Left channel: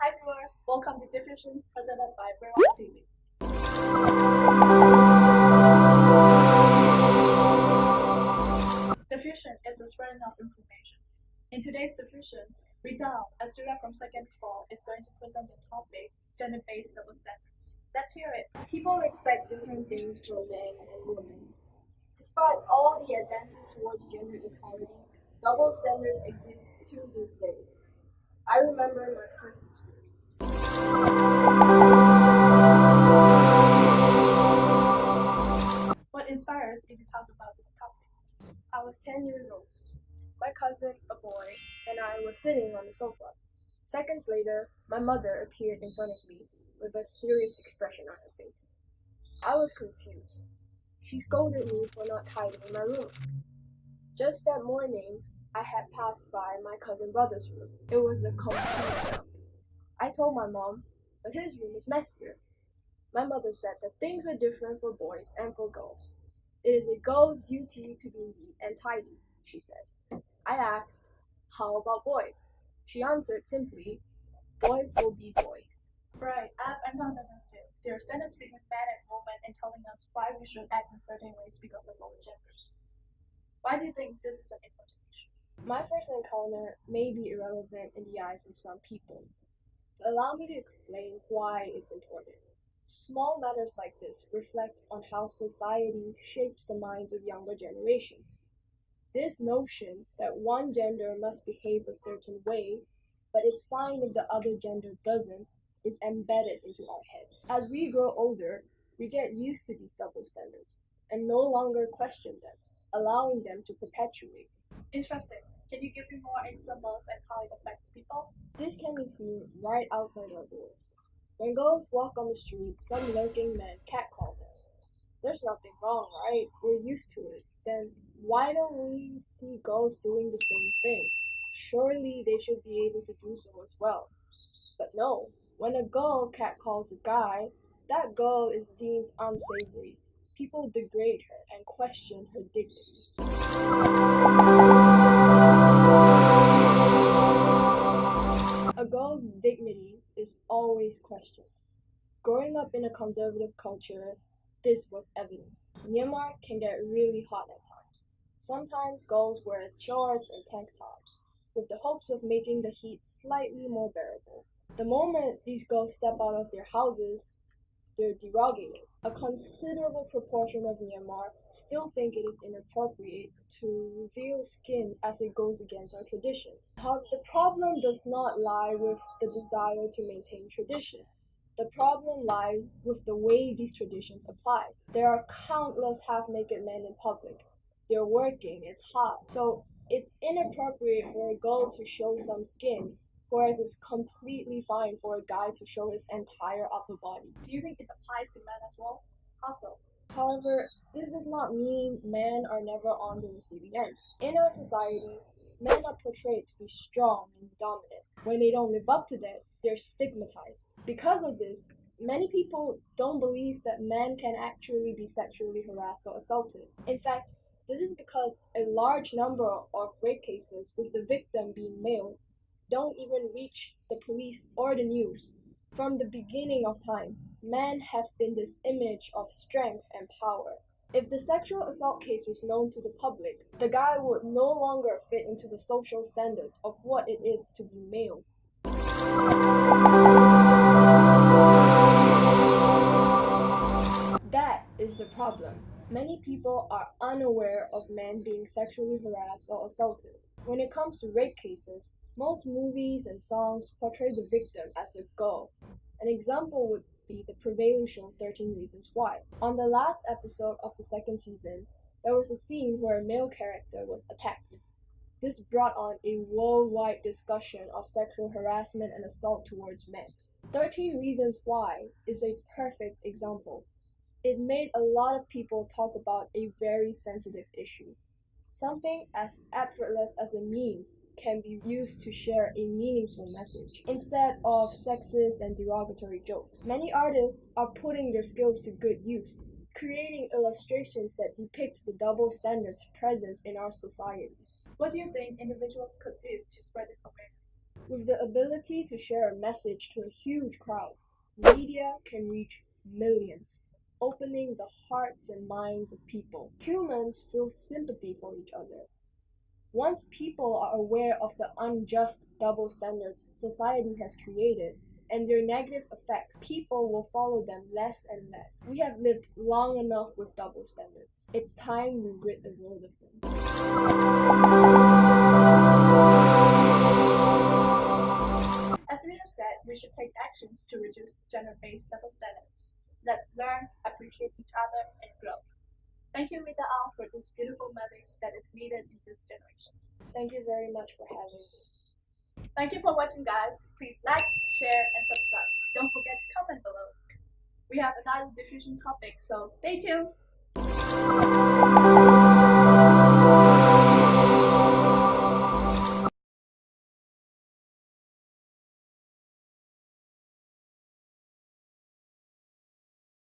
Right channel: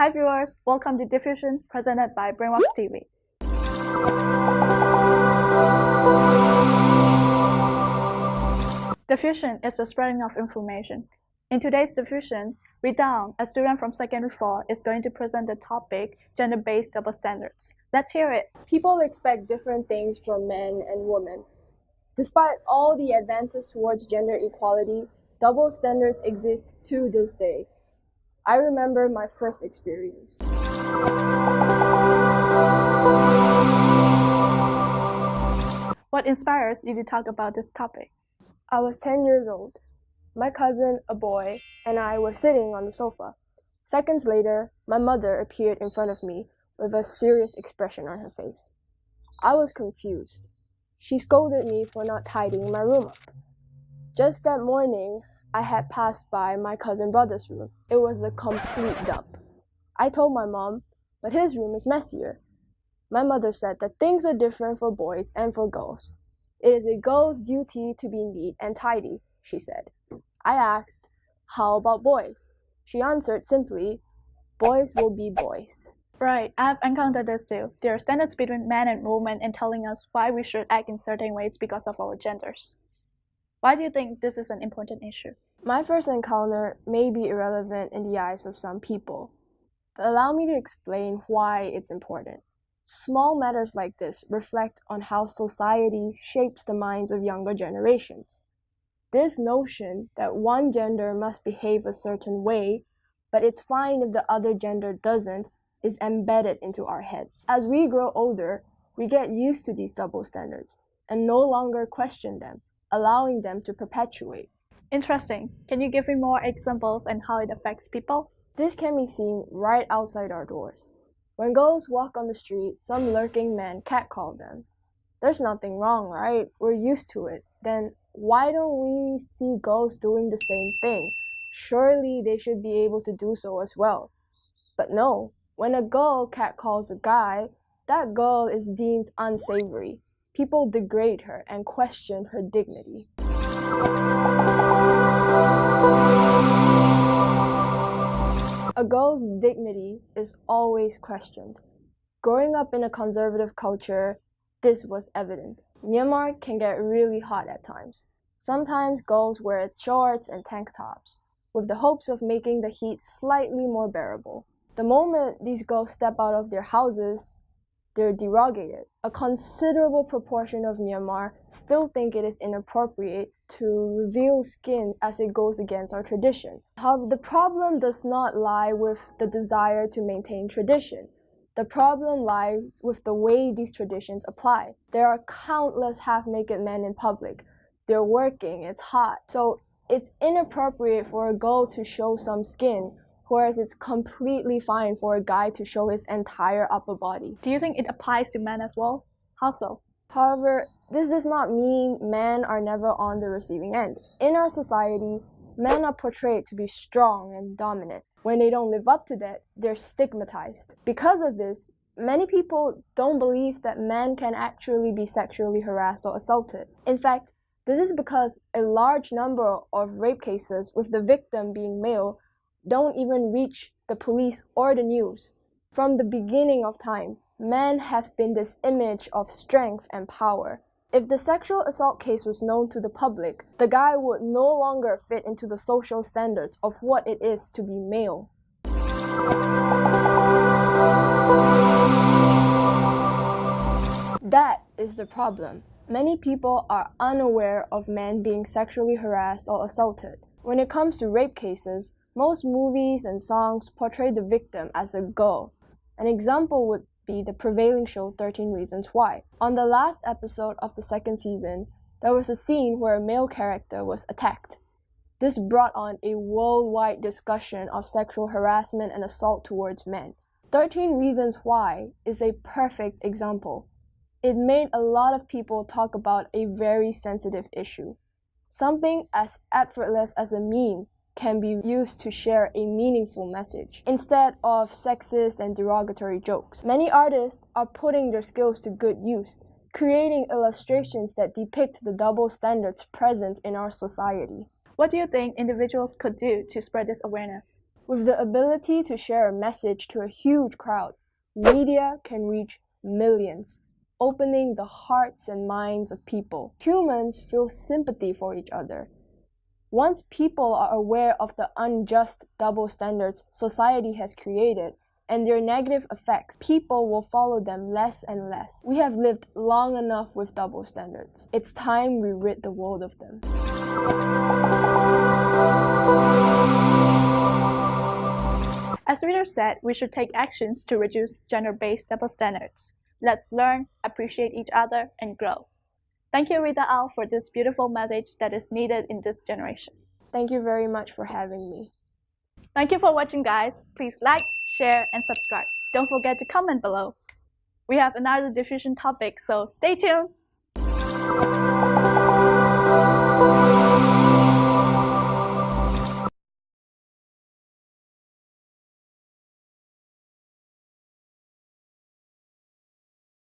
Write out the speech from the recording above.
Hi viewers, welcome to Diffusion, presented by BrainWorks TV. Diffusion is the spreading of information. In today's Diffusion, Rita Aung, a student from Secondary 4, is going to present the topic gender-based double standards. Let's hear it. People expect different things from men and women. Despite all the advances towards gender equality, double standards exist to this day. I remember my first experience. What inspires you to talk about this topic? I was 10 years old. My cousin, a boy, and I were sitting on the sofa. Seconds later, my mother appeared in front of me with a serious expression on her face. I was confused. She scolded me for not tidying my room up. Just that morning, I had passed by my cousin brother's room. It was a complete dump. I told my mom, but his room is messier. My mother said that things are different for boys and for girls. It is a girl's duty to be neat and tidy, she said. I asked, how about boys? She answered simply, boys will be boys. Right, I've encountered this too. There are standards between men and women in telling us why we should act in certain ways because of our genders. Why do you think this is an important issue? My first encounter may be irrelevant in the eyes of some people, but allow me to explain why it's important. Small matters like this reflect on how society shapes the minds of younger generations. This notion that one gender must behave a certain way, but it's fine if the other gender doesn't, is embedded into our heads. As we grow older, we get used to these double standards and no longer question them, allowing them to perpetuate. Interesting. Can you give me more examples and how it affects people? This can be seen right outside our doors. When girls walk on the street, some lurking men catcall them. There's nothing wrong, right? We're used to it. Then why don't we see girls doing the same thing? Surely they should be able to do so as well. But no, when a girl catcalls a guy, that girl is deemed unsavory. People degrade her and question her dignity. A girl's dignity is always questioned. Growing up in a conservative culture, this was evident. Myanmar can get really hot at times. Sometimes girls wear shorts and tank tops, with the hopes of making the heat slightly more bearable. The moment these girls step out of their houses, they're derogated. A considerable proportion of Myanmar still think it is inappropriate to reveal skin as it goes against our tradition. However, the problem does not lie with the desire to maintain tradition. The problem lies with the way these traditions apply. There are countless half-naked men in public. They're working, it's hot. So it's inappropriate for a girl to show some skin, whereas it's completely fine for a guy to show his entire upper body. Do you think it applies to men as well? How so? However, this does not mean men are never on the receiving end. In our society, men are portrayed to be strong and dominant. When they don't live up to that, they're stigmatized. Because of this, many people don't believe that men can actually be sexually harassed or assaulted. In fact, this is because a large number of rape cases with the victim being male don't even reach the police or the news. From the beginning of time, men have been this image of strength and power. If the sexual assault case was known to the public, the guy would no longer fit into the social standards of what it is to be male. That is the problem. Many people are unaware of men being sexually harassed or assaulted. When it comes to rape cases, most movies and songs portray the victim as a girl. An example would be the prevailing show 13 Reasons Why. On the last episode of the second season, there was a scene where a male character was attacked. This brought on a worldwide discussion of sexual harassment and assault towards men. 13 Reasons Why is a perfect example. It made a lot of people talk about a very sensitive issue. Something as effortless as a meme can be used to share a meaningful message instead of sexist and derogatory jokes. Many artists are putting their skills to good use, creating illustrations that depict the double standards present in our society. What do you think individuals could do to spread this awareness? With the ability to share a message to a huge crowd, media can reach millions, opening the hearts and minds of people. Humans feel sympathy for each other. Once people are aware of the unjust double standards society has created and their negative effects, people will follow them less and less. We have lived long enough with double standards. It's time we rid the world of them. As Rita said, we should take actions to reduce gender-based double standards. Let's learn, appreciate each other, and grow. Thank you, Rita Aung, for this beautiful message that is needed in this generation. Thank you very much for having me. Thank you for watching, guys. Please like, share, and subscribe. Don't forget to comment below. We have another diffusion topic, so stay tuned.